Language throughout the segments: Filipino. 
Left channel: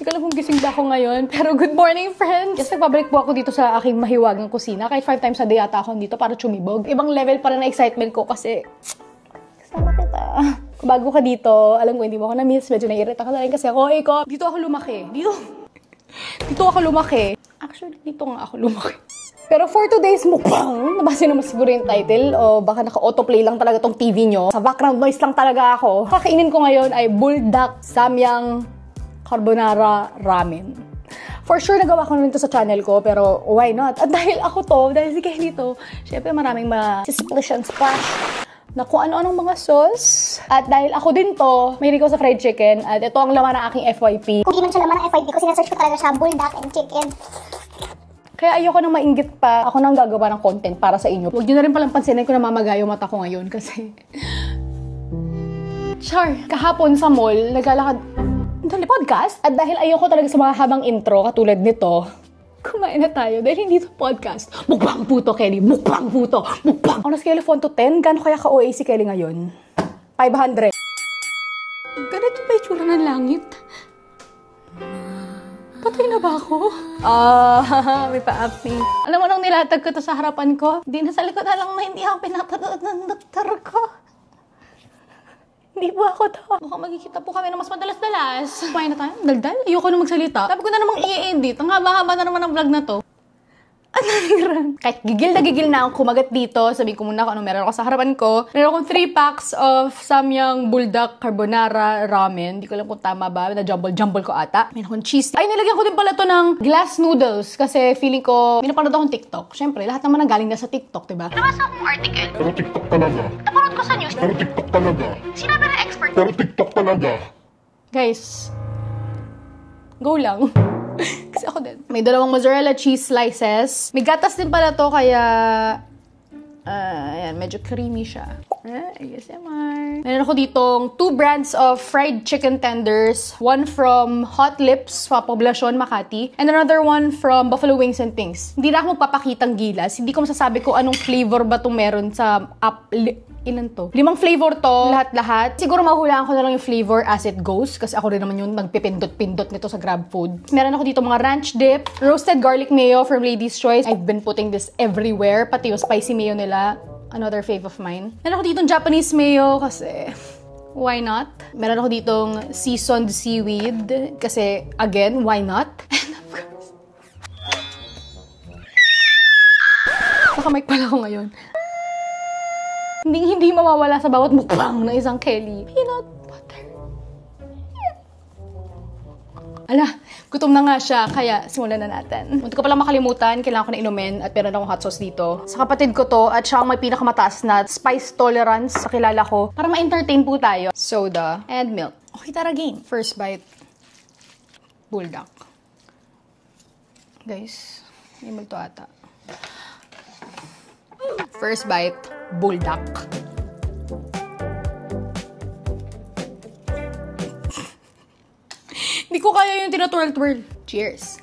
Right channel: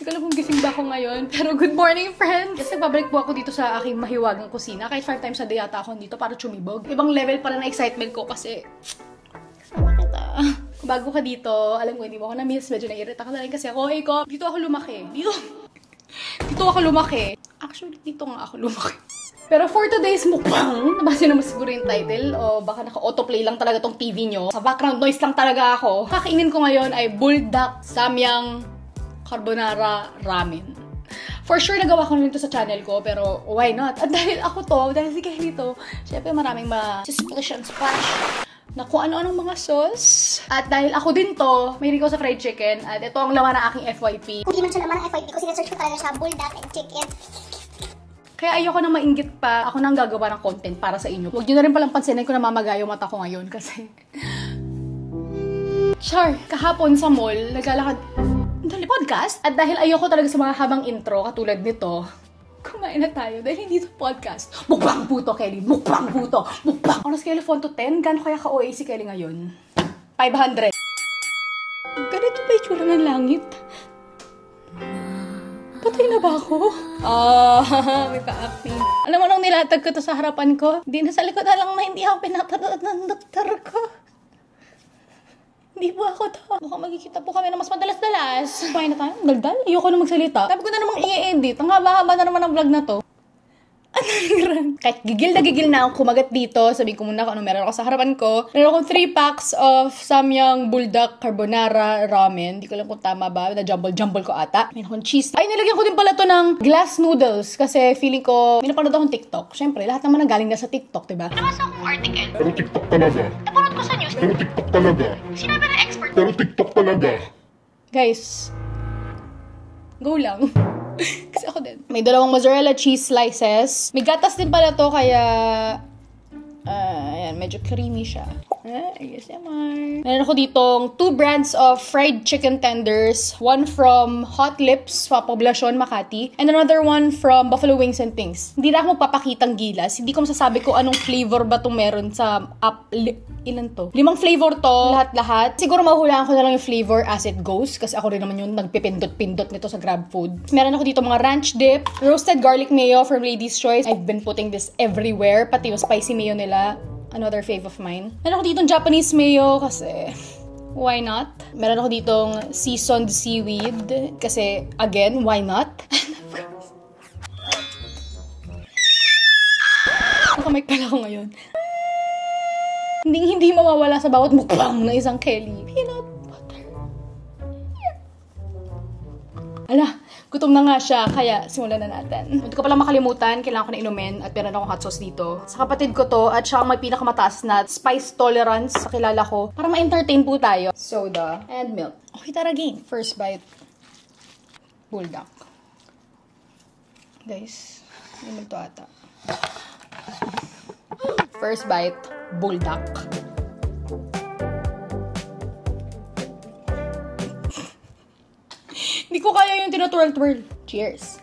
Hindi ko alam kung gising ba ako ngayon, pero good morning, friends! Kasi pabalik po ako dito sa aking mahiwagang kusina. Kahit 5 times a day ata ako dito para chumibog. Ibang level para na excitement ko kasi kasama kita. Kung bago ka dito, alam ko hindi mo ako na-miss. Medyo naiirita ka na rin kasi ako, dito ako lumaki. Dito ako lumaki. Actually, dito nga ako lumaki. Pero for today's mukbang, nabasa naman siguro yung title o baka naka-autoplay lang talaga tong TV nyo. Sa background noise lang talaga ako. Kakainin ko ngayon ay buldak samyang carbonara ramen. For sure, nagawa ko na ito sa channel ko, pero why not? At dahil dahil si Kylie to, syempre maraming splish and splash na kung ano-anong mga sauce. At dahil ako din to, may ko sa fried chicken. At ito ang laman ng aking FYP. Kung di man siya laman ng FYP ko, sinesearch ko talaga siya, buldak and chicken. Kaya ayoko na mainggit pa. Ako na ang gagawa ng content para sa inyo. Huwag nyo na rin palang pansinin ko na mamagayo mata ko ngayon kasi... Char, kahapon sa mall, naglalakad... podcast? At dahil ayoko talaga sa mga habang intro, katulad nito, kumain na tayo. Dahil hindi ito podcast. Mukbang puto, Kelly. Mukbang puto. Mukbang. On a scale of 1 to 10, gano'n kaya ka-OA si Kelly ngayon? 500. Ganito ba itsura ng langit? Patay na ba ako? May pa-api. Alam mo nung nilatag ko to sa harapan ko, di na sa likod na lang na hindi ako pinapanood ng doktor ko. Hindi po ako to. Mukhang magkikita po kami na mas madalas-dalas. Kumain na tayo? Daldal? Ayoko na magsalita. Sabi ko na namang i-edit. Ang haba-haba na naman ang vlog na to. Kahit gigil na ako kumagat dito, sabihin ko muna kung ano meron ako sa harapan ko. Meron akong 3 packs of samyang buldak carbonara ramen. Hindi ko alam kung tama ba. Na-jumble ko ata. Meron akong cheese. Ay, nilagyan ko din pala to ng glass noodles. Kasi feeling ko, pinapanood akong TikTok. Siyempre, lahat naman ang galing na sa TikTok, diba? Nabasa akong article. Pero TikTok talaga. Napanood ko sa news. Pero TikTok talaga. Sinabi ng expert. Pero TikTok talaga. Guys, go lang. Kasi ako din. May 2 mozzarella cheese slices. May gatas din pala to, kaya... ayan, medyo creamy siya. ASMR. Meron ako ditong 2 brands of fried chicken tenders. One from Hot Lips sa Poblacion, Makati. And another one from Buffalo Wings and Things. Hindi na ako magpapakitang gilas. Hindi ko masasabi ko anong flavor ba itong meron sa ilan to? 5 flavor to. Lahat-lahat. Siguro mahulaan ko na lang yung flavor as it goes. Kasi ako rin naman yung nagpipindot-pindot nito sa GrabFood. Meron ako dito mga ranch dip. Roasted garlic mayo from Lady's Choice. I've been putting this everywhere. Pati yung spicy mayo nila. Another fave of mine. Meron ako ditong Japanese mayo kasi why not? Meron ako ditong seasoned seaweed kasi again, why not? Nakamike pala ako ngayon. Hindi mawawala sa bawat mukbang na isang Kelly. Peanut butter. Ala, gutom na nga siya, kaya simulan na natin. Hindi ko pala makalimutan, kailangan ko na inumin at meron akong hot sauce dito. Sa kapatid ko to, at siya ang may pinakamataas na spice tolerance sa kilala ko. Para ma-entertain po tayo. Soda and milk. Okay, tara game. First bite. Buldak. Guys, hindi to ata. First bite, buldak. Hindi ko kaya yung tinatwirl-twirl. Cheers!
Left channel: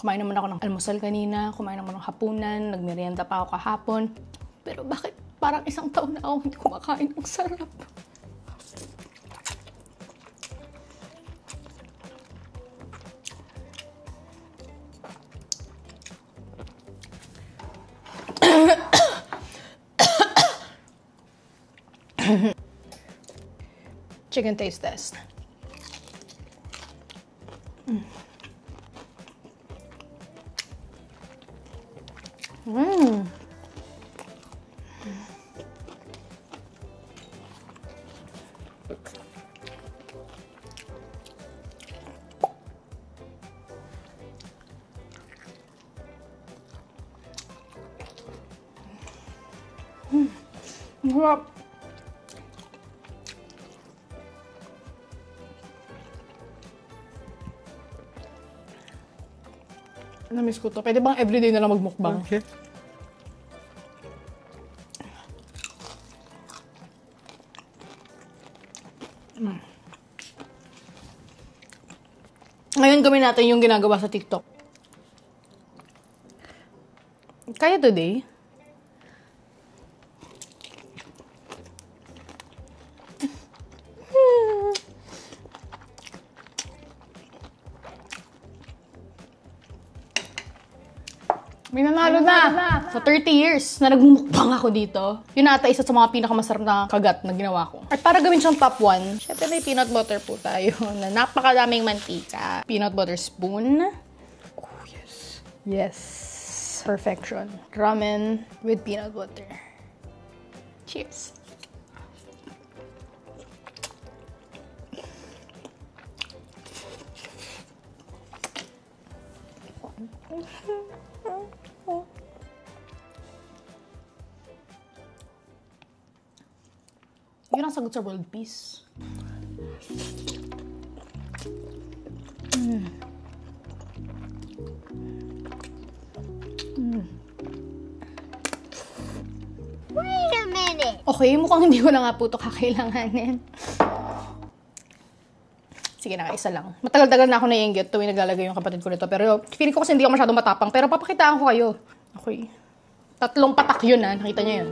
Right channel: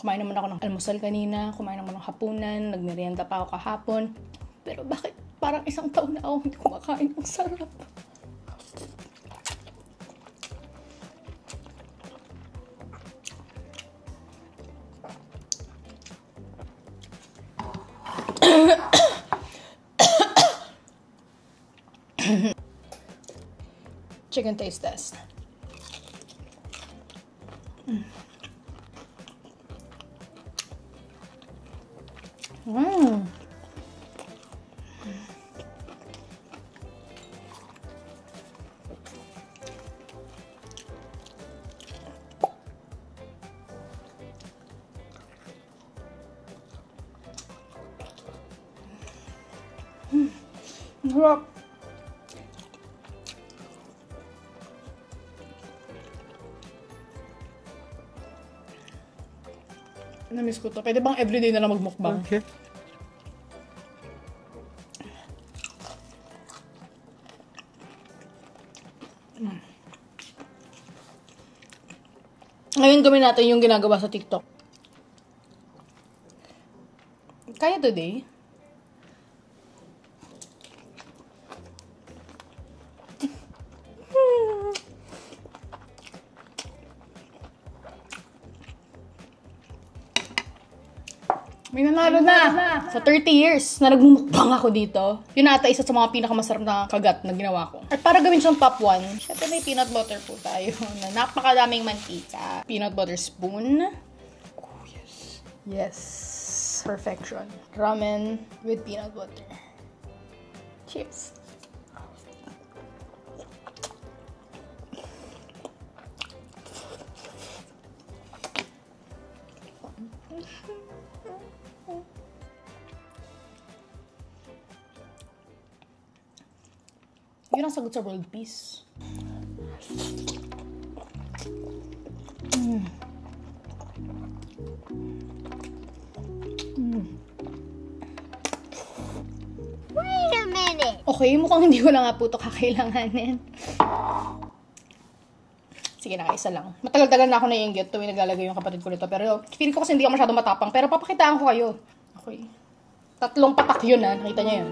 Kumain naman ako ng almusal kanina, kumain naman ng hapunan, nagmerienda pa ako kahapon. Pero bakit parang isang taon na ako hindi kumakain? Ang sarap! Chicken taste test. Sarap. Na-miss ko to. Pwede bang everyday na lang magmukbang? Okay. Ngayon gawin natin yung ginagawa sa TikTok. Kaya today? May nanalo na! Sa 30 years na nagmumukbang ako dito, yun ata isa sa mga pinakamasarap na kagat na ginawa ko. At para gawin siyang top 1, syempre may peanut butter po tayo na napakadaming mantika. Peanut butter spoon. Oh, yes. Yes. Perfection. Ramen with peanut butter. Cheers. Yun ang sagot sa world peace. Wait a minute. Okay, mukhang hindi ko na nga po ito kakailanganin. Sige na, isa lang. Matagal-tagal na ako naiinggit tuwing naglalagay yung kapatid ko nito. Pero feeling ko kasi hindi ako masyadong matapang. Pero papakitaan ko kayo. Okay. 3 patak yun ha. Nakita niyo yan.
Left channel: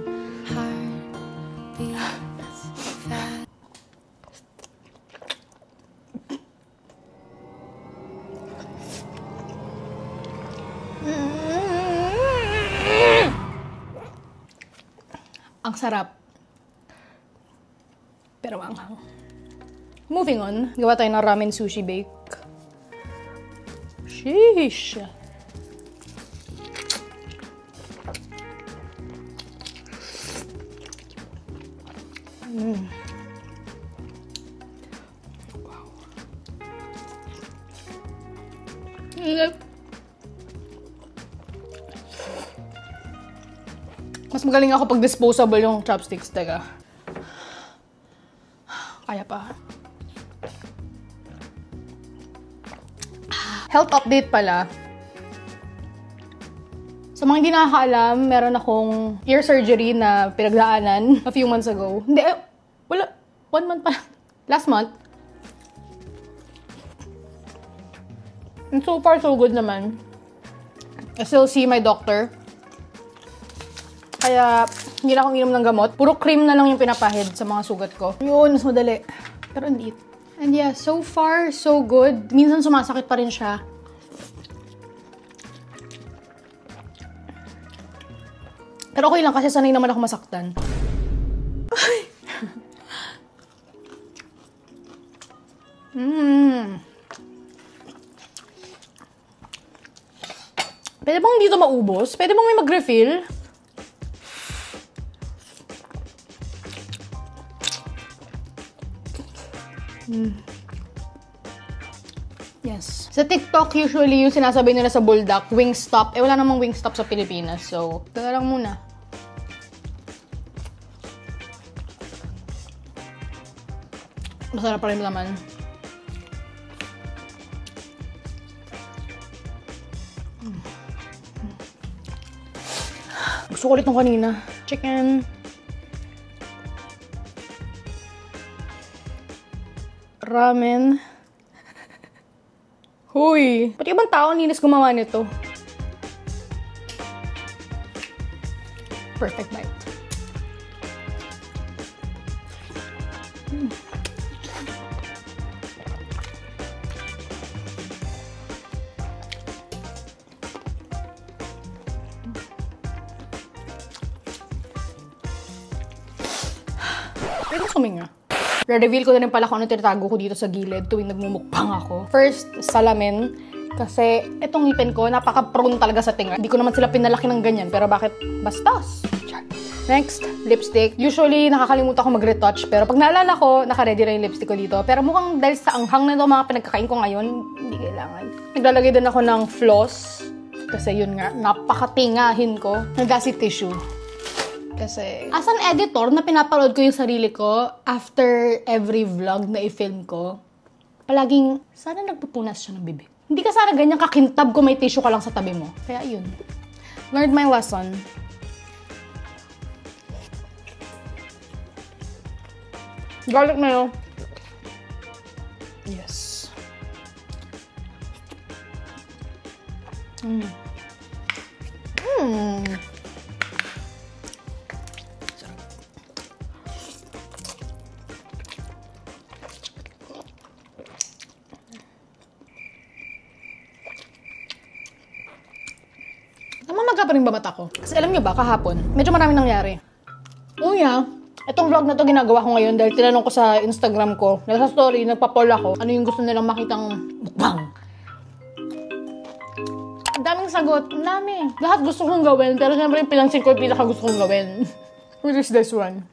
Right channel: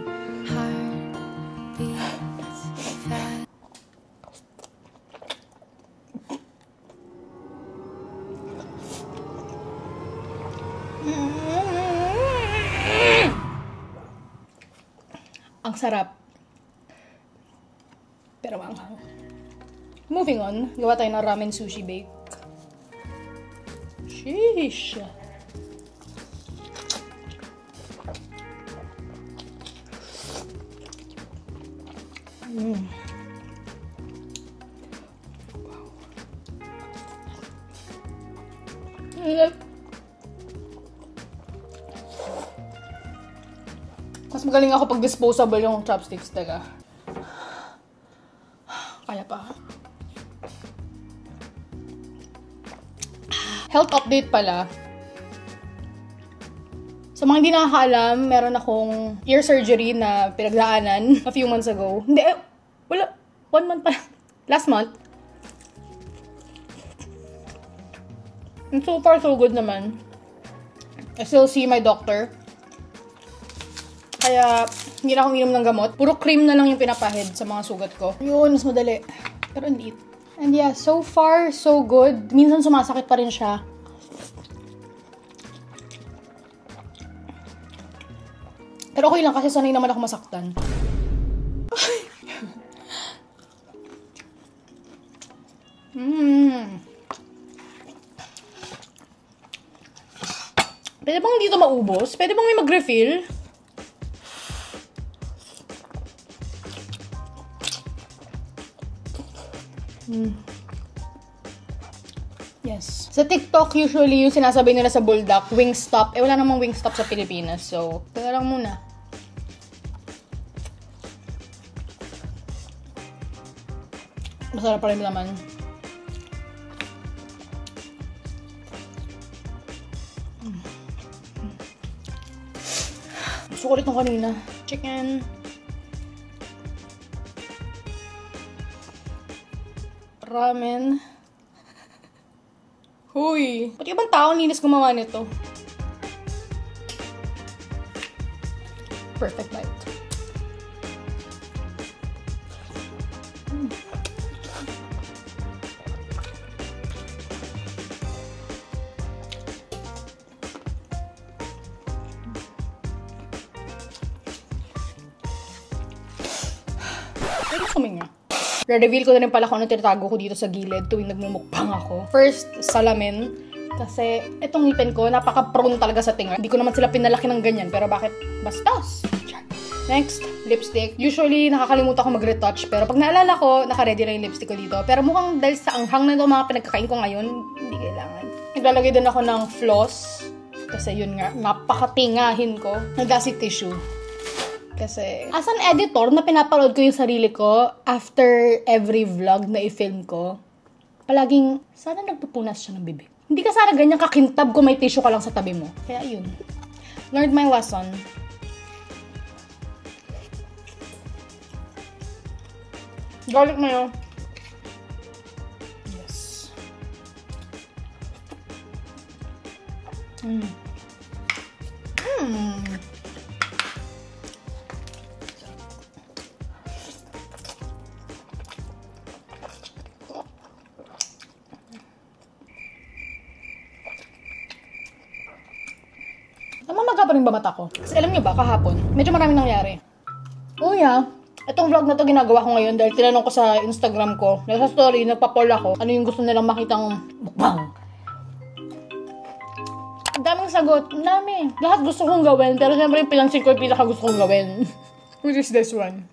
Ang sarap. Pero anghang. Moving on, gawa tayo ng ramen sushi bake. Sheesh! Mas magaling ako pag disposable yung chopsticks, teka. Kaya pa. Health update pala. Sa mga hindi nakakaalam, meron akong ear surgery na pinagdaanan a few months ago. Hindi, wala. 1 month pa. Last month. And so far, so good naman. I still see my doctor. Kaya, hindi na akong inom ng gamot. Puro cream na lang yung pinapahid sa mga sugat ko. Yun, mas madali. Pero hindi. And yeah, so far, so good. Minsan sumasakit pa rin siya. Pero okay lang kasi sanay naman ako masaktan. Pwede bang dito maubos? Pwede bang may mag-refill? Yes. Sa TikTok, usually yung sinasabi nila sa Bulldog, Wingstop. Eh, wala namang Wingstop sa Pilipinas. So, teka lang muna. Masarap pa rin naman. Gusto ko ulit nung kanina. Chicken. Ramen. Huy! Pati ibang tao ang linis gumawa nito. Perfect bite. Pwede suminga. Re-reveal ko na rin pala kung ano tinatago ko dito sa gilid tuwing nagmumukbang ako. First, salamin. Kasi itong ngipin ko, napaka-prone talaga sa tinga. Hindi ko naman sila pinalaki ng ganyan, pero bakit bastos? Next, lipstick. Usually, nakakalimutan ko mag-retouch, pero pag naalala ko, naka-ready na yung lipstick ko dito. Pero mukhang dahil sa anghang na ito mga pinagkakain ko ngayon, hindi kailangan. Naglalagay din ako ng floss. Kasi yun nga, napakatingahin ko. Nag-acid tissue. Kasi, as an editor, na pinapaload ko yung sarili ko after every vlog na i-film ko, palaging, sana nagpupunas siya ng bibig. Hindi ka sana ganyan kakintab kung may tissue ka lang sa tabi mo. Kaya yun. Learned my lesson. Garlic mayo. Yes. Namamaga pa rin ba mata ko? Kasi alam niyo ba, kahapon, medyo maraming nangyari. Oh yeah, itong vlog na to ginagawa ko ngayon dahil tinanong ko sa Instagram ko, nasa story, nagpa-poll ako, ano yung gusto nilang makitang mukbang. Ang daming sagot, ang dami. Lahat gusto kong gawin, pero siyempre yung pinansin ko yung pinaka gusto kong gawin. Which is this one.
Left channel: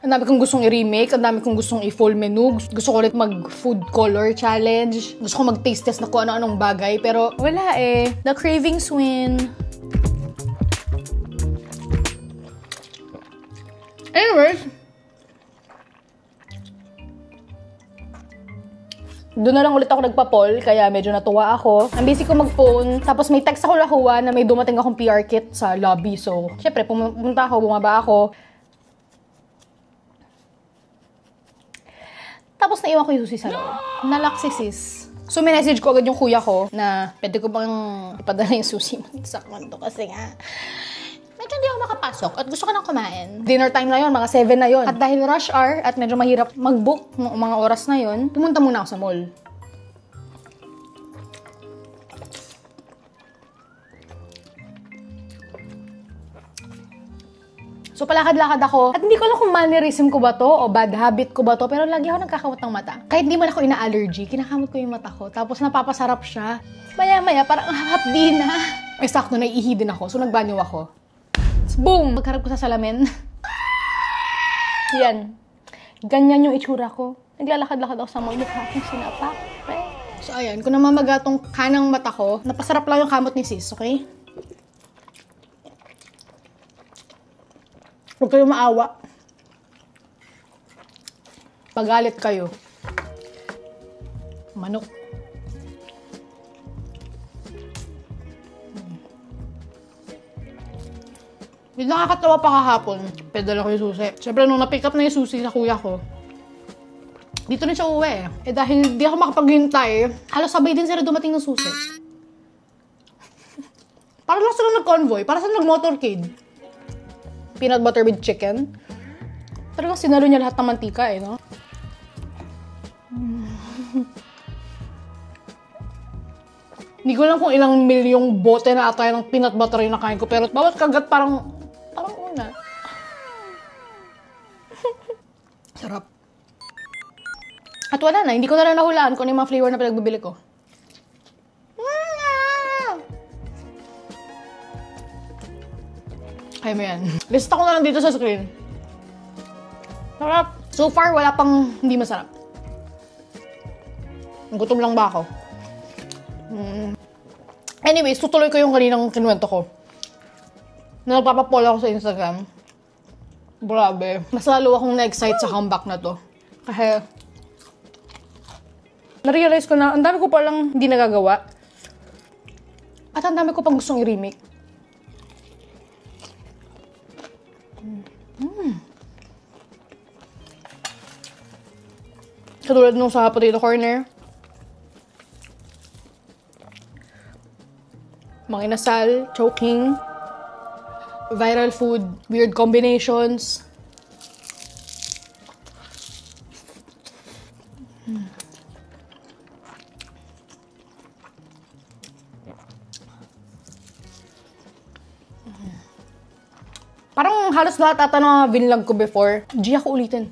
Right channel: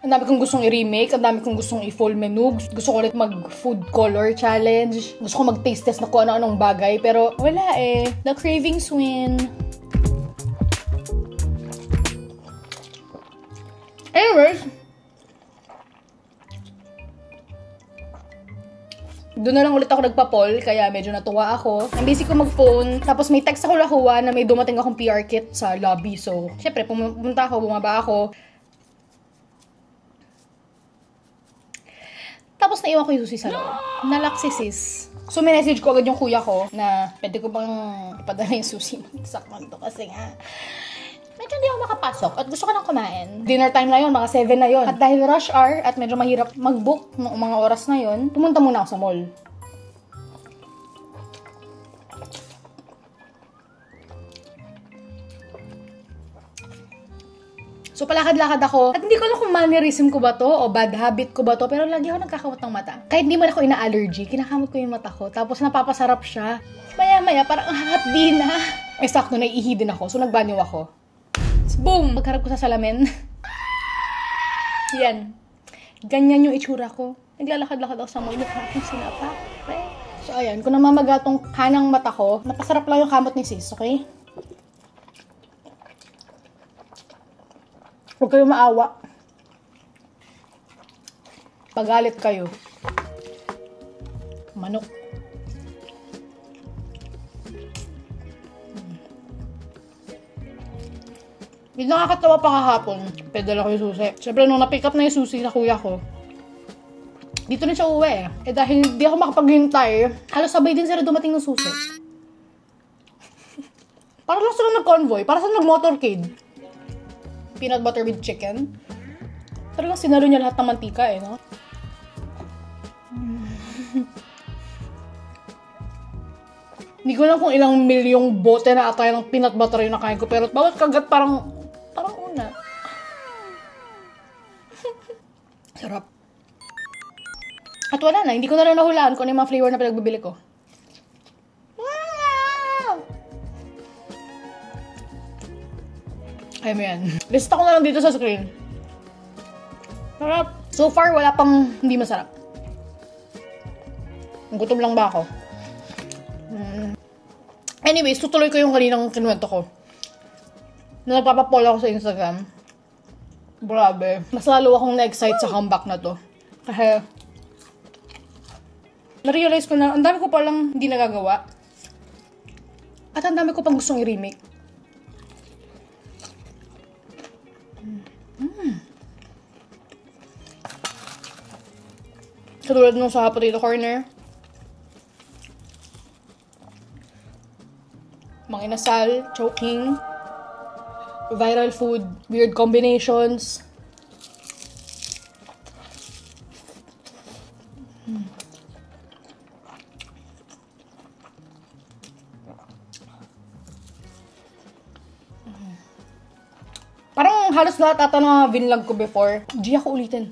Ang dami kong gustong i-remake, ang dami kong gustong i-full menu. Gusto ko ulit mag-food color challenge. Gusto ko mag-taste test na kung ano-anong bagay. Pero wala eh. The cravings win. Anyways, doon na lang ulit ako nagpa-poll, kaya medyo natuwa ako. Ang busy ko mag-phone, tapos may text ako nakuha na may dumating akong PR kit sa lobby. So, syempre, pumunta ako, bumaba ako. Tapos naiwan ko yung susi sa loob. Nalock si sis. So, may message ko agad yung kuya ko na pwede ko bang ipadala yung susi mo sa kwanto kasi nga medyo hindi ako makapasok at gusto ko nang kumain. Dinner time na yun, mga 7 na yun. At dahil rush hour at medyo mahirap mag-book ng mga oras na yun, pumunta muna ako sa mall. So, palakad-lakad ako. At hindi ko alam kung mannerism ko ba to o bad habit ko ba to, pero lagi ako nagkakamot ng mata. Kahit hindi man ako ina-allergy, kinakamot ko yung mata ko. Tapos napapasarap siya. Maya-maya, parang hapdi na. Ay, sakto, naiihi din ako. So, nagbanyo ako. Boom! Pagharap ko sa salamin. Yan. Ganyan yung itsura ko. Naglalakad-lakad ako sa mall. Mukha akong sinapa. So, ayan. Kung namamaga tong kanang mata ko, napasarap lang yung kamot ni sis, okay? Huwag kayo maawa. Pagalit kayo. Manok. Yung nakakatawa pa kahapon, pedala ko yung susi. Siyempre, nung na-pick up na yung susi na kuya ko, dito na siya uwi. Eh dahil hindi ako makapaghintay, halos sabay din sila dumating ng susi. Para lang sila nag-convoy, para sila nag-motorcade. Peanut butter with chicken. Talagang sinalo niya lahat ng mantika eh, no? Hindi ko lang kung ilang milyong bote na atay ng peanut butter yung nakain ko, pero bawat kagat parang una. Sarap. At wala na, hindi ko na lang nahulaan kung ano yung mga flavor na pinagbibili ko. Kaya mo yan. Lista ko na lang dito sa screen. Sarap. So far, wala pang hindi masarap. Gutom lang ba ako? Anyways, tutuloy ko yung kaninang kinuwento ko. Na nagpapapoll ako sa Instagram. Grabe. Mas lalo akong na-excite sa comeback na to. Kasi na-realize ko na ang dami ko palang hindi nagagawa. At ang dami ko pang gustong i-remake. Katulad nung sa potato corner. Mga inasal, choking, viral food, weird combinations. Parang halos lahat ata ng mga vinlog ko before. G ako ulitin.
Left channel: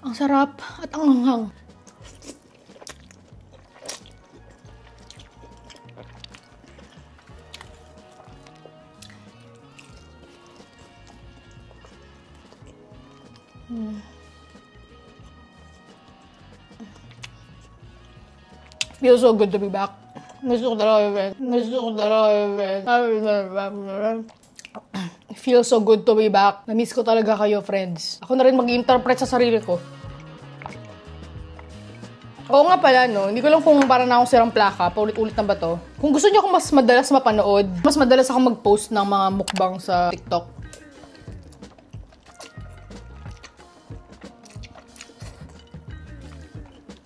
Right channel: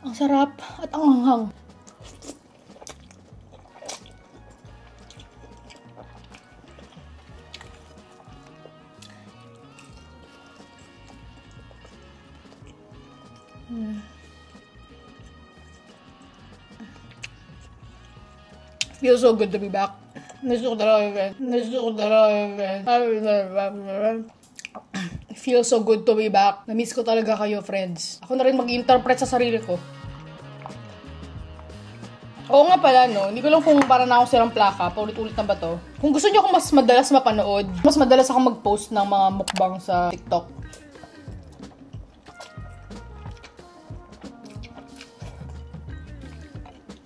Ang sarap at ang anghang. Feels so good to be back. It feels so good to be back. Na-miss ko talaga kayo, friends. Ako na rin mag-interpret sa sarili ko. Oo nga pala, no? Hindi ko lang kung para na ako sirang plaka, paulit-ulit na ba to? Kung gusto niyo akong mas madalas mapanood, mas madalas ako mag-post ng mga mukbang sa TikTok.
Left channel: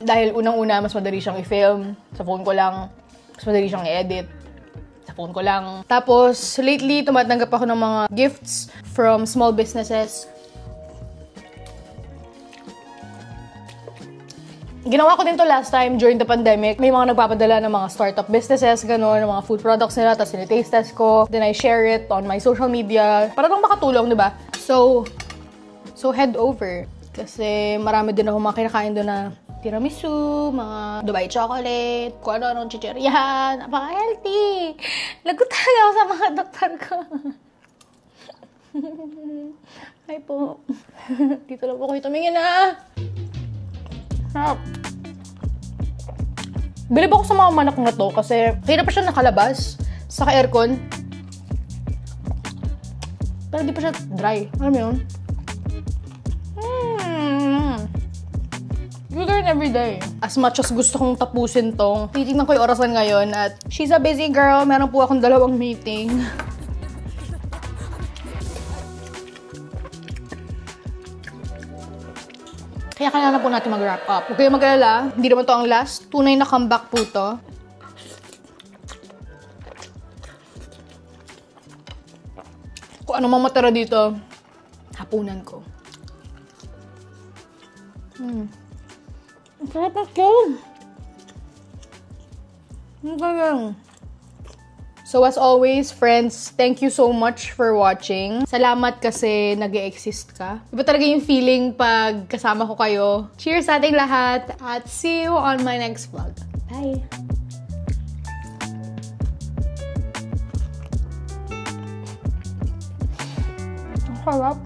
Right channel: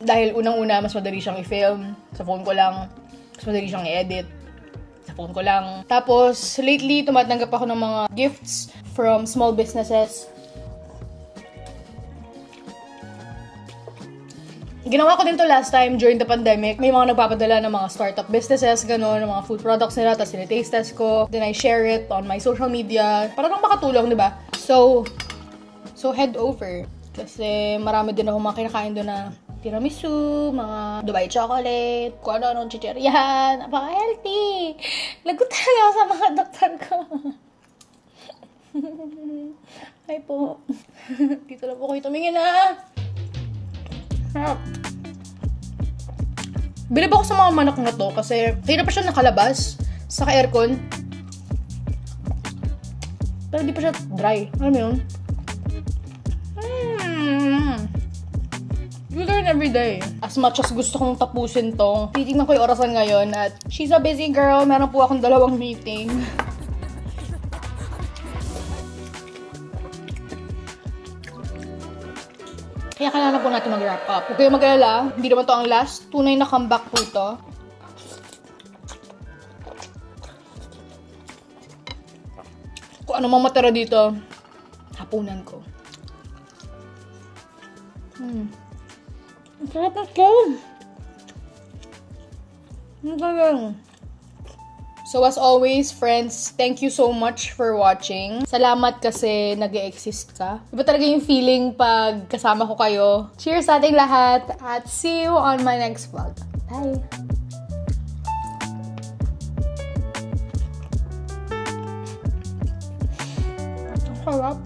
Dahil unang-una, mas madali siyang i-film. Sa phone ko lang. Mas madali siyang i-edit. Sa phone ko lang. Tapos, lately, tumatanggap ako ng mga gifts from small businesses. Ginawa ko din to last time during the pandemic. May mga nagpapadala ng mga startup businesses, gano'n, ng mga food products nila, tapos taste test ko. Then I share it on my social media. Para lang makatulong, di ba? So head over. Kasi marami din ako mga kinakain doon na tiramisu, mga Dubai chocolate, kung ano-ano chichiryan. Napaka-healthy. Lagot talaga ako sa mga doktor ko. Hi po. Dito lang po kayo tumingin na. Sarap. Bilib ako sa mga manok na to kasi hirap pa siya nakalabas sa aircon. Pero di pa siya dry. Alam mo yun? You learn every day. As much as gusto kong tapusin to, titignan ko yung orasan ngayon at she's a busy girl. Meron po akong 2 meeting. Kaya kailangan po natin mag-wrap up. Huwag kayo mag-alala. Hindi naman to ang last. Tunay na comeback po to. Kung ano mang matira dito, hapunan ko. Ang sarap na ito. Ang sarap. So as always, friends, thank you so much for watching. Salamat kasi nag-e-exist ka. Iba talaga yung feeling pag kasama ko kayo. Cheers sa ating lahat at see you on my next vlog. Bye! Ang sarap.